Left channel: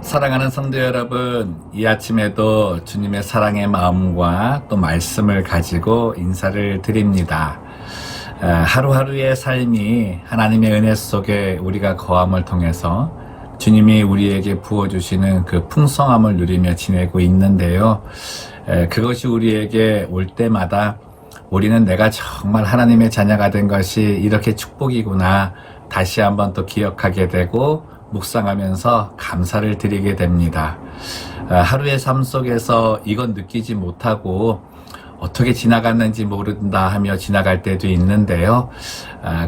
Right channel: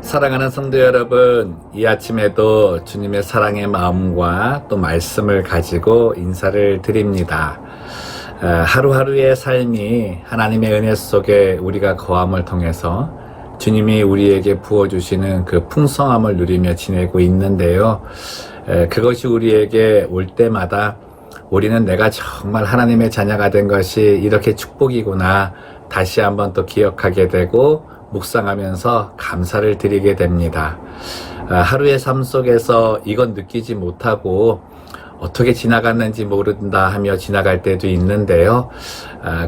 사랑하는 성도 여러분, 이 아침에도 주님의 사랑의 마음과 또 말씀을 가지고 인사를 드립니다. 하루하루의 삶이 하나님의 은혜 속에 우리가 거함을 통해서 주님이 우리에게 부어주시는 그 풍성함을 누리며 지내고 있는데요. 그것이 우리에게 올 때마다 우리는 내가 정말 하나님의 자녀가 된 것이 이렇게 축복이구나 다시 한번 또 기억하게 되고 묵상하면서 감사를 드리게 됩니다. 하루의 삶 속에서 이건 느끼지 못하고 어떻게 지나갔는지 모른다 하며 지나갈 때도 있는데요.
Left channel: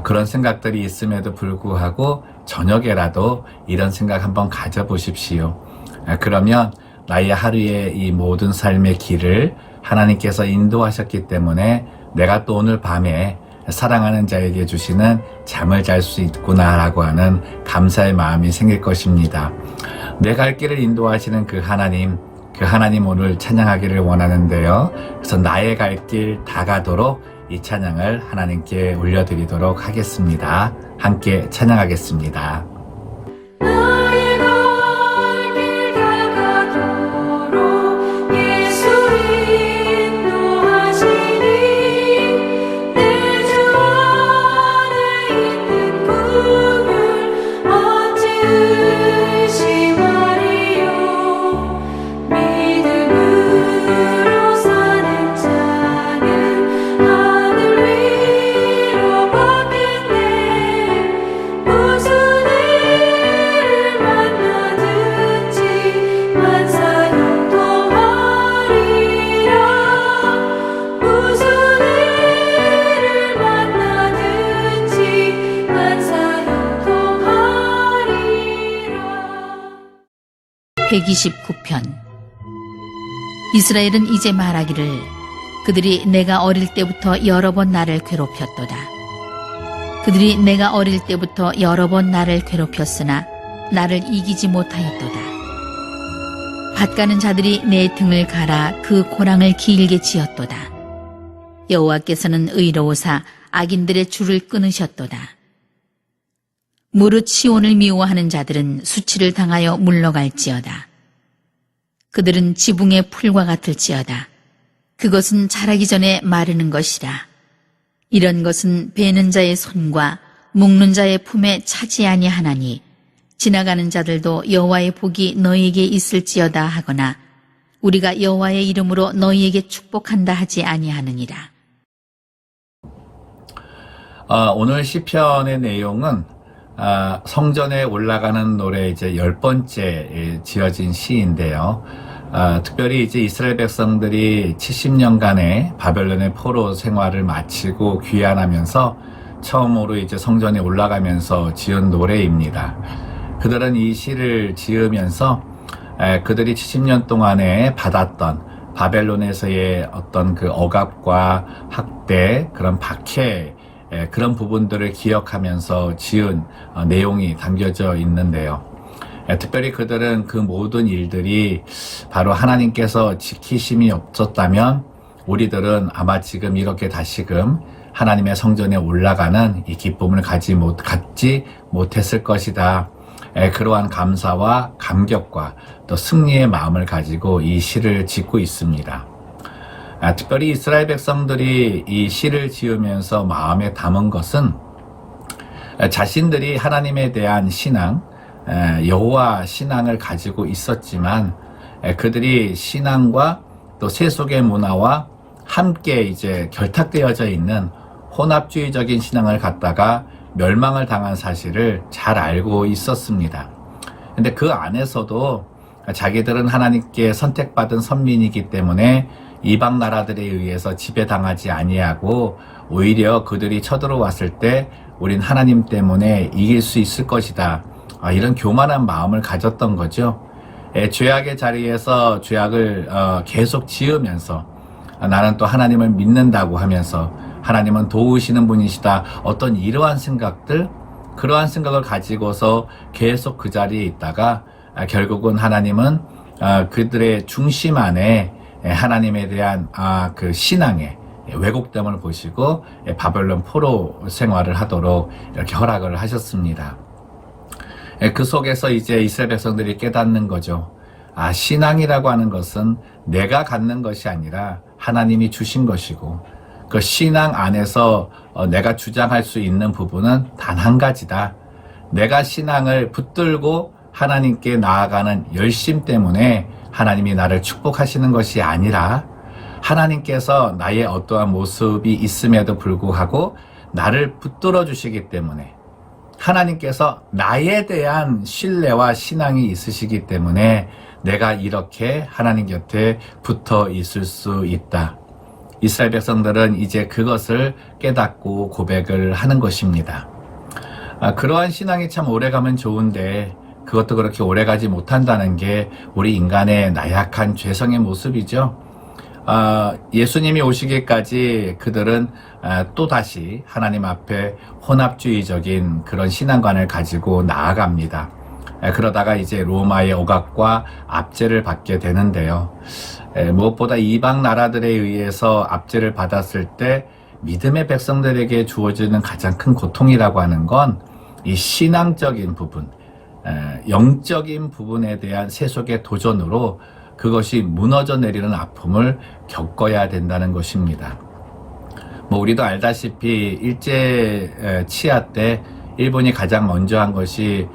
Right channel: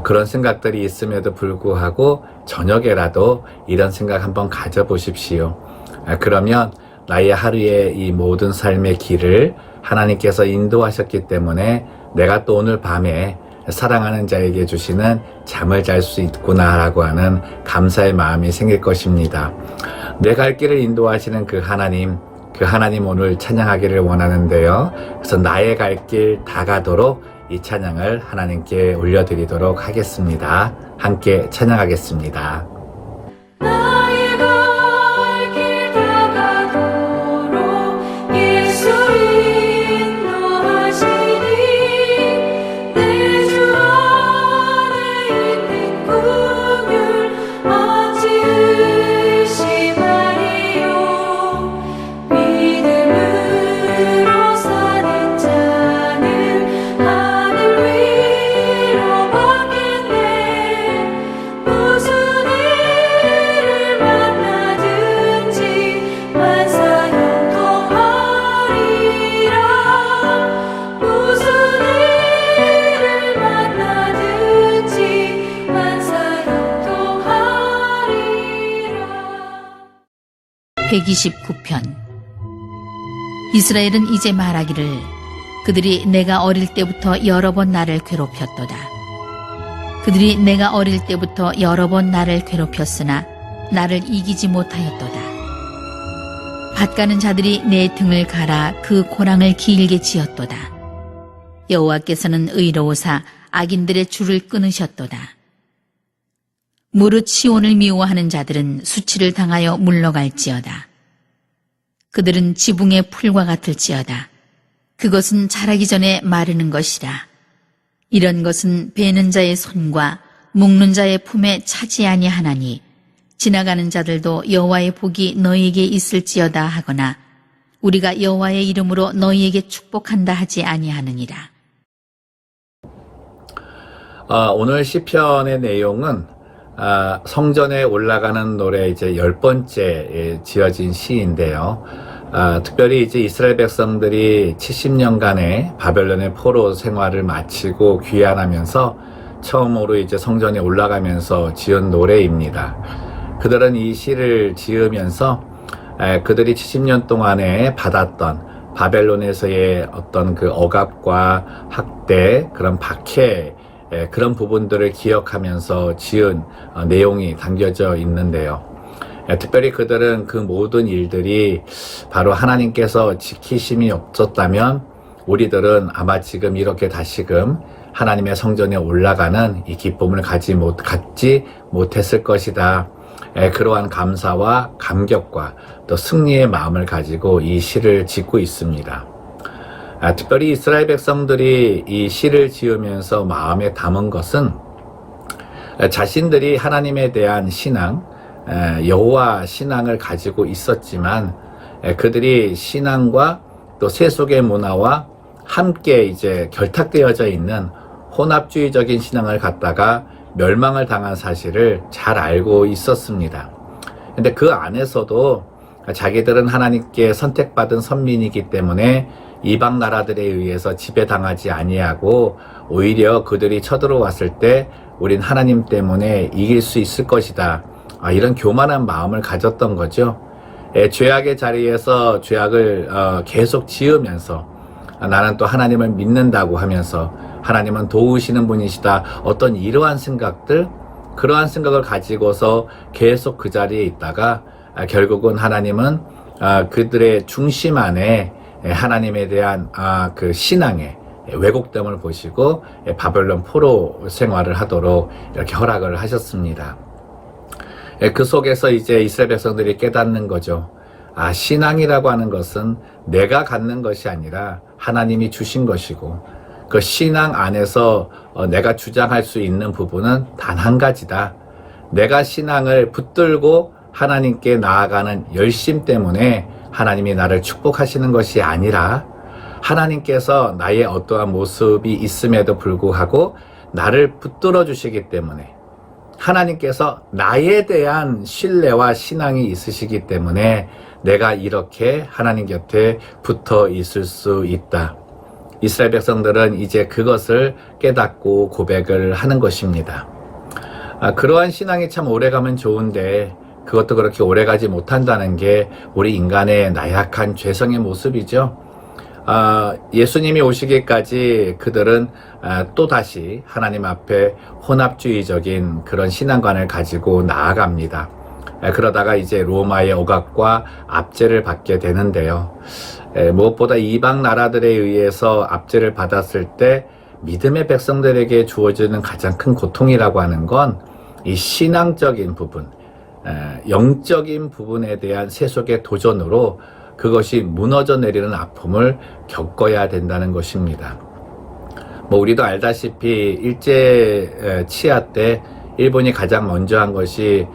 그런 생각들이 있음에도 불구하고 저녁에라도 이런 생각 한번 가져보십시오. 그러면 나의 하루의 이 모든 삶의 길을 하나님께서 인도하셨기 때문에 내가 또 오늘 밤에 사랑하는 자에게 주시는 잠을 잘 수 있구나라고 하는 감사의 마음이 생길 것입니다. 내 갈 길을 인도하시는 그 하나님 오늘 찬양하기를 원하는데요. 그래서 나의 갈 길 다 가도록 이 찬양을 하나님께 올려드리도록 하겠습니다. 함께 찬양하겠습니다. (129편) 이스라엘은 이제 말하기를 그들이 내가 어릴 때부터 여러 번 나를 괴롭혔도다. 그들이 내가 어릴 때부터 여러 번 나를 괴롭혔으나 나를 이기지 못하였도다. 밭가는 자들이 내 등을 갈아 그 고랑을 길게 지었도다. 여호와께서는 의로우사 악인들의 줄을 끊으셨도다. 무릇 시온을 미워하는 자들은 수치를 당하여 물러갈지어다. 그들은 지붕의 풀과 같을지어다. 그것은 자라기 전에 마르는 것이라. 이런 것은 베는 자의 손과 묶는 자의 품에 차지 아니하나니 지나가는 자들도 여호와의 복이 너희에게 있을지어다 하거나 우리가 여호와의 이름으로 너희에게 축복한다 하지 아니하느니라. 오늘 시편의 내용은 성전에 올라가는 노래 이제 10번째 지어진 시인데요. 특별히 이제 이스라엘 백성들이 70년간의 바벨론의 포로 생활을 마치고 귀환하면서 처음으로 이제 성전에 올라가면서 지은 노래입니다. 그들은 이 시를 지으면서 그들이 70년 동안에 받았던 바벨론에서의 어떤 그 억압과 학대, 그런 박해, 그런 부분들을 기억하면서 지은 내용이 담겨져 있는데요. 특별히 그들은 그 모든 일들이 바로 하나님께서 지키심이 없었다면 우리들은 아마 지금 이렇게 다시금 하나님의 성전에 올라가는 이 기쁨을 갖지 못했을 것이다. 그러한 감사와 감격과 또 승리의 마음을 가지고 이 시를 짓고 있습니다. 특별히 이스라엘 백성들이 이 시를 지으면서 마음에 담은 것은 자신들이 하나님에 대한 신앙, 여호와 신앙을 가지고 있었지만 그들이 신앙과 또 세속의 문화와 함께 이제 결탁되어져 있는 혼합주의적인 신앙을 갖다가 멸망을 당한 사실을 잘 알고 있었습니다. 근데 그 안에서도 자기들은 하나님께 선택받은 선민이기 때문에 이방 나라들에 의해서 지배당하지 아니하고 오히려 그들이 쳐들어왔을 때 우린 하나님 때문에 이길 수 있을 것이다. 이런 교만한 마음을 가졌던 거죠. 죄악의 자리에서 죄악을 계속 지으면서 나는 또 하나님을 믿는다고 하면서 하나님은 도우시는 분이시다. 어떤 이러한 생각들, 그러한 생각을 가지고서 계속 그 자리에 있다가 결국은 하나님은 그들의 중심 안에 하나님에 대한 그 신앙의 왜곡됨을 보시고 바벨론 포로 생활을 하도록 이렇게 허락을 하셨습니다. 그 속에서 이제 이스라엘 백성들이 깨닫는 거죠. 아, 신앙이라고 하는 것은 내가 갖는 것이 아니라 하나님이 주신 것이고, 그 신앙 안에서 내가 주장할 수 있는 부분은 단 한 가지다. 내가 신앙을 붙들고 하나님께 나아가는 열심 때문에 하나님이 나를 축복하시는 것이 아니라, 하나님께서 나의 어떠한 모습이 있음에도 불구하고 나를 붙들어 주시기 때문에, 하나님께서 나에 대한 신뢰와 신앙이 있으시기 때문에 내가 이렇게 하나님 곁에 붙어 있을 수 있다. 이스라엘 백성들은 이제 그것을 깨닫고 고백을 하는 것입니다. 그러한 신앙이 참 오래가면 좋은데 그것도 그렇게 오래가지 못한다는 게 우리 인간의 나약한 죄성의 모습이죠. 예수님이 오시기까지 그들은 또다시 하나님 앞에 혼합주의적인 그런 신앙관을 가지고 나아갑니다. 그러다가 이제 로마의 억압과 압제를 받게 되는데요. 무엇보다 이방 나라들에 의해서 압제를 받았을 때 믿음의 백성들에게 주어지는 가장 큰 고통이라고 하는 건 이 신앙적인 부분, 영적인 부분에 대한 세속의 도전으로 그것이 무너져 내리는 아픔을 겪어야 된다는 것입니다. 우리도 알다시피 일제 치하 때 일본이 가장 먼저 한 것이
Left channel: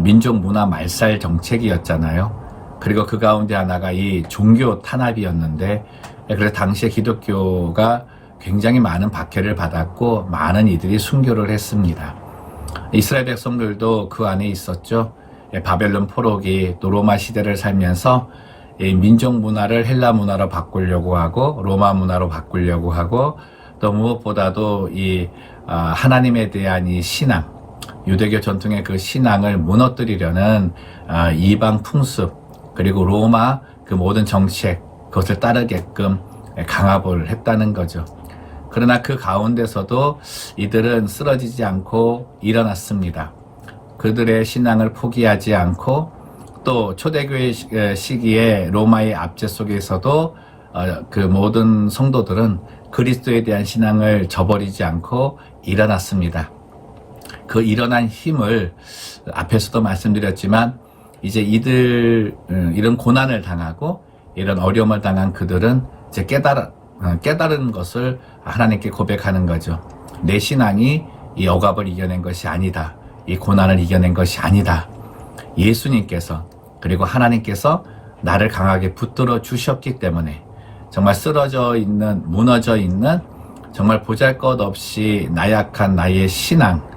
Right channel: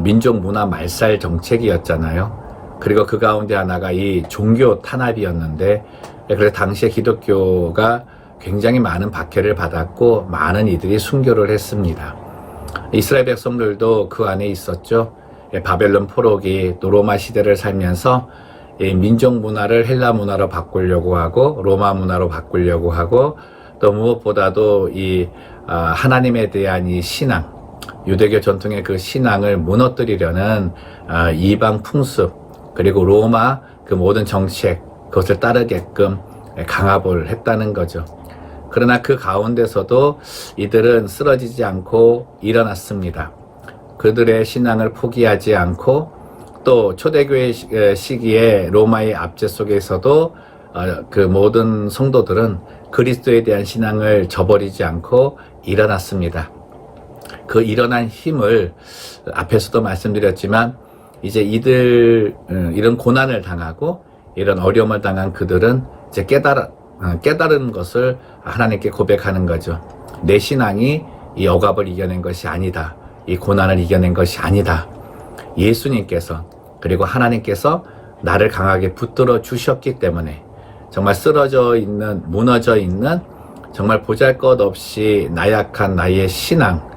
민족 문화 말살 정책이었잖아요. 그리고 그 가운데 하나가 이 종교 탄압이었는데, 그래서 당시에 기독교가 굉장히 많은 박해를 받았고 많은 이들이 순교를 했습니다. 이스라엘 백성들도 그 안에 있었죠. 바벨론 포로기, 또 로마 시대를 살면서 민족 문화를 헬라 문화로 바꾸려고 하고 로마 문화로 바꾸려고 하고, 또 무엇보다도 이 하나님에 대한 이 신앙, 유대교 전통의 그 신앙을 무너뜨리려는 이방 풍습, 그리고 로마 그 모든 정책, 그것을 따르게끔 강압을 했다는 거죠. 그러나 그 가운데서도 이들은 쓰러지지 않고 일어났습니다. 그들의 신앙을 포기하지 않고, 또 초대교회 시기에 로마의 압제 속에서도 그 모든 성도들은 그리스도에 대한 신앙을 저버리지 않고 일어났습니다. 그 일어난 힘을 앞에서도 말씀드렸지만, 이제 이런 고난을 당하고 이런 어려움을 당한 그들은 이제 깨달은 것을 하나님께 고백하는 거죠. 내 신앙이 이 억압을 이겨낸 것이 아니다. 이 고난을 이겨낸 것이 아니다. 예수님께서, 그리고 하나님께서 나를 강하게 붙들어 주셨기 때문에, 정말 쓰러져 있는, 무너져 있는, 정말 보잘것없이 나약한 나의 신앙,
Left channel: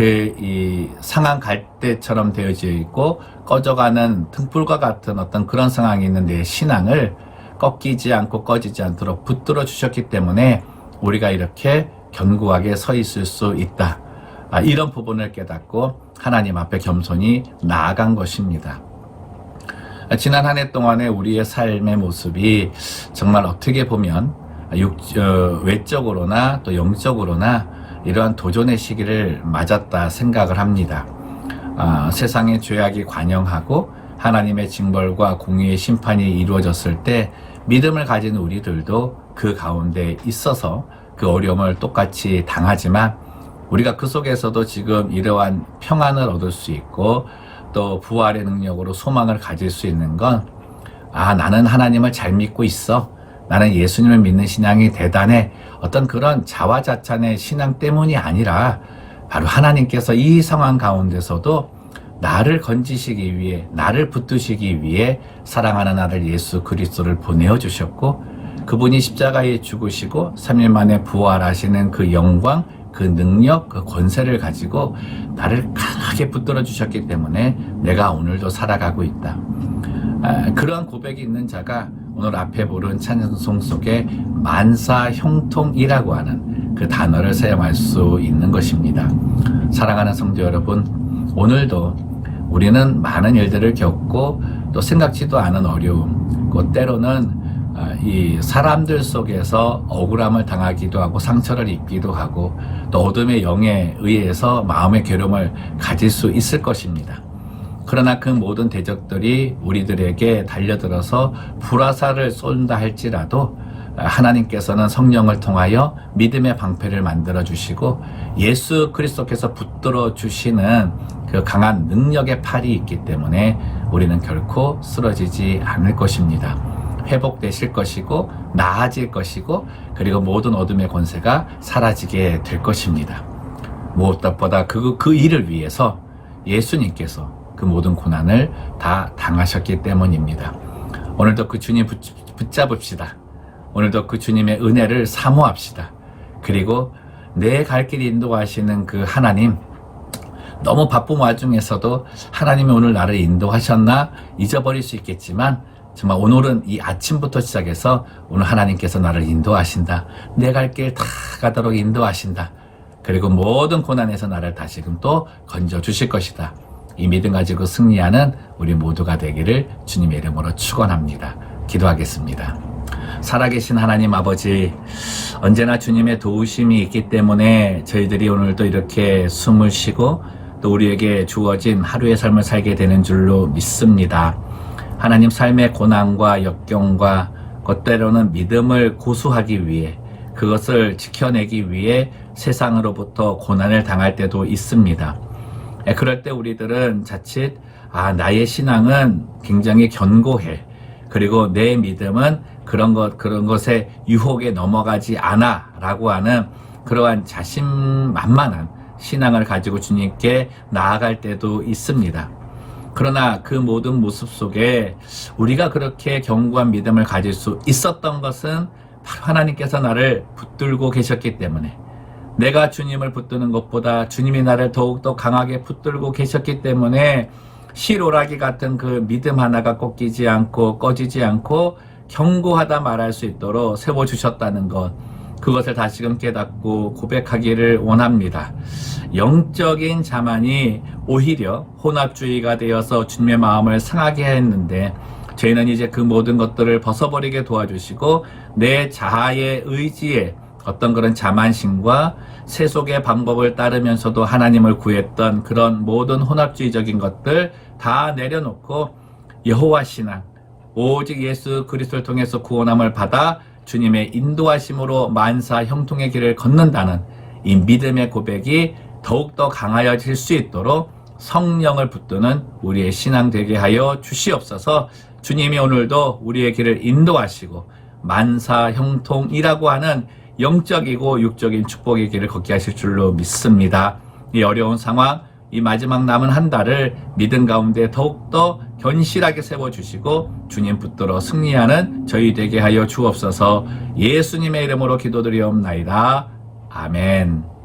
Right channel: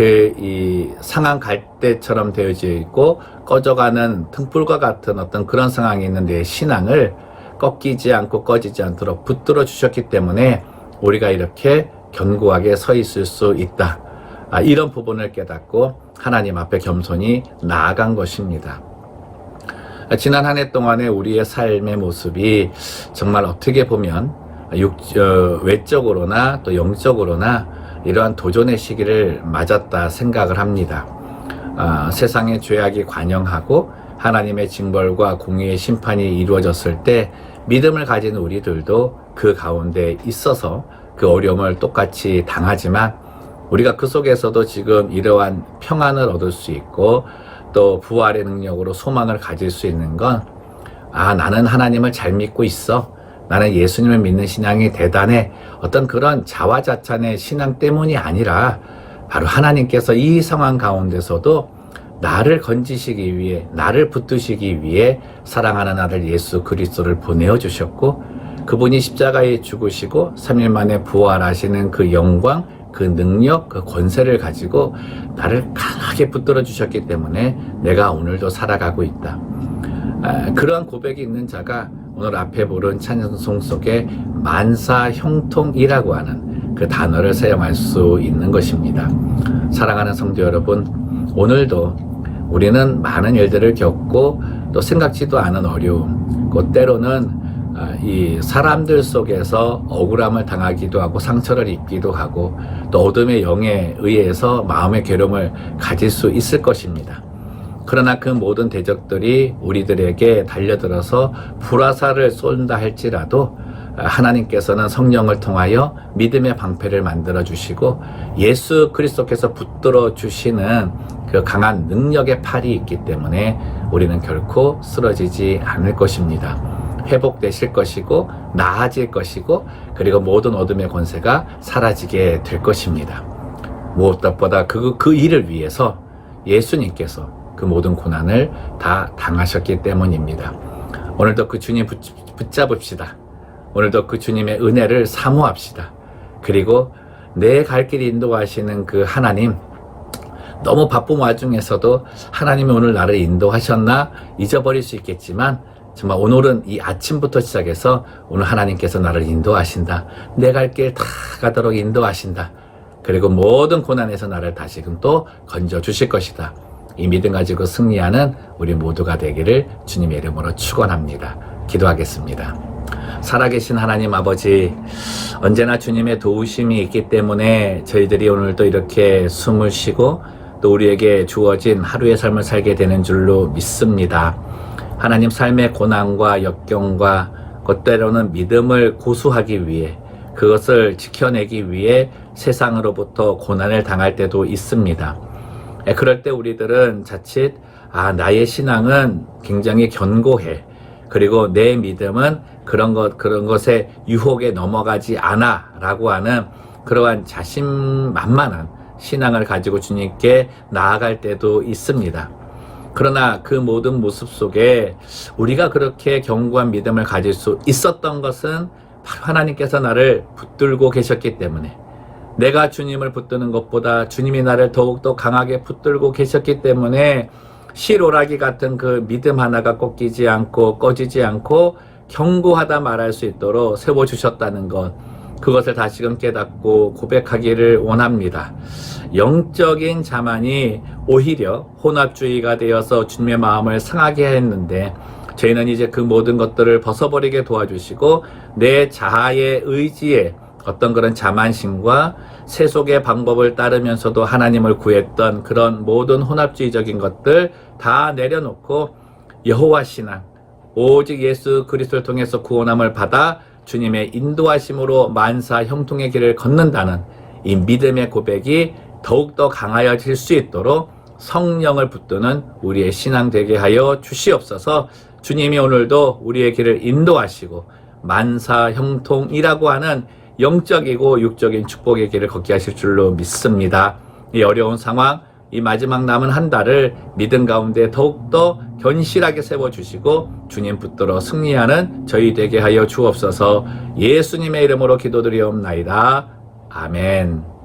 이 상한 갈대처럼 되어져 있고 꺼져가는 등불과 같은 어떤 그런 상황이 있는 내 신앙을 꺾이지 않고 꺼지지 않도록 붙들어 주셨기 때문에 우리가 이렇게 견고하게 서 있을 수 있다. 이런 부분을 깨닫고 하나님 앞에 겸손히 나아간 것입니다. 지난 한 해 동안에 우리의 삶의 모습이 정말 어떻게 보면 외적으로나 또 영적으로나 이러한 도전의 시기를 맞았다 생각을 합니다. 세상의 죄악이 관영하고 하나님의 징벌과 공의의 심판이 이루어졌을 때 믿음을 가진 우리들도 그 가운데 있어서 그 어려움을 똑같이 당하지만, 우리가 그 속에서도 지금 이러한 평안을 얻을 수 있고 또 부활의 능력으로 소망을 가질 수 있는 건, 나는 하나님을 잘 믿고 있어, 나는 예수님을 믿는 신앙이 대단해, 어떤 그런 자화자찬의 신앙 때문이 아니라 바로 하나님께서 이 상황 가운데서도 나를 건지시기 위해, 나를 붙드시기 위해 사랑하는 아들 예수 그리스도를 보내어 주셨고, 그분이 십자가에 죽으시고 3일 만에 부활하시는 그 영광, 그 능력, 그 권세를 가지고 나를 강하게 붙들어 주셨기 때문에 내가 오늘도 살아가고 있다. 그러한 고백이 있는 자가 오늘 앞에 부른 찬송 속에 만사형통이라고 하는 그 단어를 사용할 수 있는 것입니다. 사랑하는 성도 여러분, 오늘도 우리는 많은 일들을 겪고 또 생각지도 않은 어려움, 그 때로는 이 사람들 속에서 억울함을 당하기도 하고 상처를 입기도 하고 또 어둠의 영에 의해서 마음의 괴로움을 가질 수 있을 것입니다. 그러나 그 모든 대적들이 우리들에게 달려들어서 불화살을 쏜다 할지라도 하나님께서는 성령을 통하여 믿음의 방패를 만들어 주시고 예수 그리스도께서 붙들어 주시는 그 강한 능력의 팔이 있기 때문에 우리는 결코 쓰러지지 않을 것입니다. 회복되실 것이고 나아질 것이고 그리고 모든 어둠의 권세가 사라지게 될 것입니다. 무엇보다 그 일을 위해서 예수님께서 그 모든 고난을 다 당하셨기 때문입니다. 오늘도 그 주님 붙잡읍시다. 오늘도 그 주님의 은혜를 사모합시다. 그리고 내 갈 길 인도하시는 그 하나님, 너무 바쁜 와중에서도 하나님이 오늘 나를 인도하셨나 잊어버릴 수 있겠지만 정말 오늘은 이 아침부터 시작해서 오늘 하나님께서 나를 인도하신다. 내 갈 길 다 가도록 인도하신다. 그리고 모든 고난에서 나를 다시금 또 건져주실 것이다. 이 믿음 가지고 승리하는 우리 모두가 되기를 주님의 이름으로 축원합니다. 기도하겠습니다. 살아계신 하나님 아버지, 언제나 주님의 도우심이 있기 때문에 저희들이 오늘도 이렇게 숨을 쉬고 또 우리에게 주어진 하루의 삶을 살게 되는 줄로 믿습니다. 하나님, 삶의 고난과 역경과 때로는 믿음을 고수하기 위해, 그것을 지켜내기 위해 세상으로부터 고난을 당할 때도 있습니다. 그럴 때 우리들은 자칫 나의 신앙은 굉장히 견고해, 그리고 내 믿음은 그런 것의 유혹에 넘어가지 않아 라고 하는 그러한 자신만만한 신앙을 가지고 주님께 나아갈 때도 있습니다. 그러나 그 모든 모습 속에 우리가 그렇게 견고한 믿음을 가질 수 있었던 것은 바로 하나님께서 나를 붙들고 계셨기 때문에, 내가 주님을 붙드는 것보다 주님이 나를 더욱더 강하게 붙들고 계셨기 때문에 실오라기 같은 그 믿음 하나가 꺾이지 않고 꺼지지 않고 견고하다 말할 수 있도록 세워주셨다는 것, 그것을 다시금 깨닫고 고백하기를 원합니다. 영적인 자만이 오히려 혼합주의가 되어서 주님의 마음을 상하게 했는데, 저희는 이제 그 모든 것들을 벗어버리게 도와주시고 내 자아의 의지에 어떤 그런 자만심과 세속의 방법을 따르면서도 하나님을 구했던 그런 모든 혼합주의적인 것들 다 내려놓고 여호와 신앙, 오직 예수 그리스도를 통해서 구원함을 받아 주님의 인도하심으로 만사 형통의 길을 걷는다는 이 믿음의 고백이 더욱더 강하여질 수 있도록 성령을 붙드는 우리의 신앙 되게 하여 주시옵소서. 주님이 오늘도 우리의 길을 인도하시고 만사 형통이라고 하는 영적이고 육적인 축복의 길을 걷게 하실 줄로 믿습니다. 이 어려운 상황, 이 마지막 남은 한 달을 믿음 가운데 더욱더 견실하게 세워주시고 주님 붙들어 승리하는 저희 되게 하여 주옵소서. 예수님의 이름으로 기도드리옵나이다. 아멘.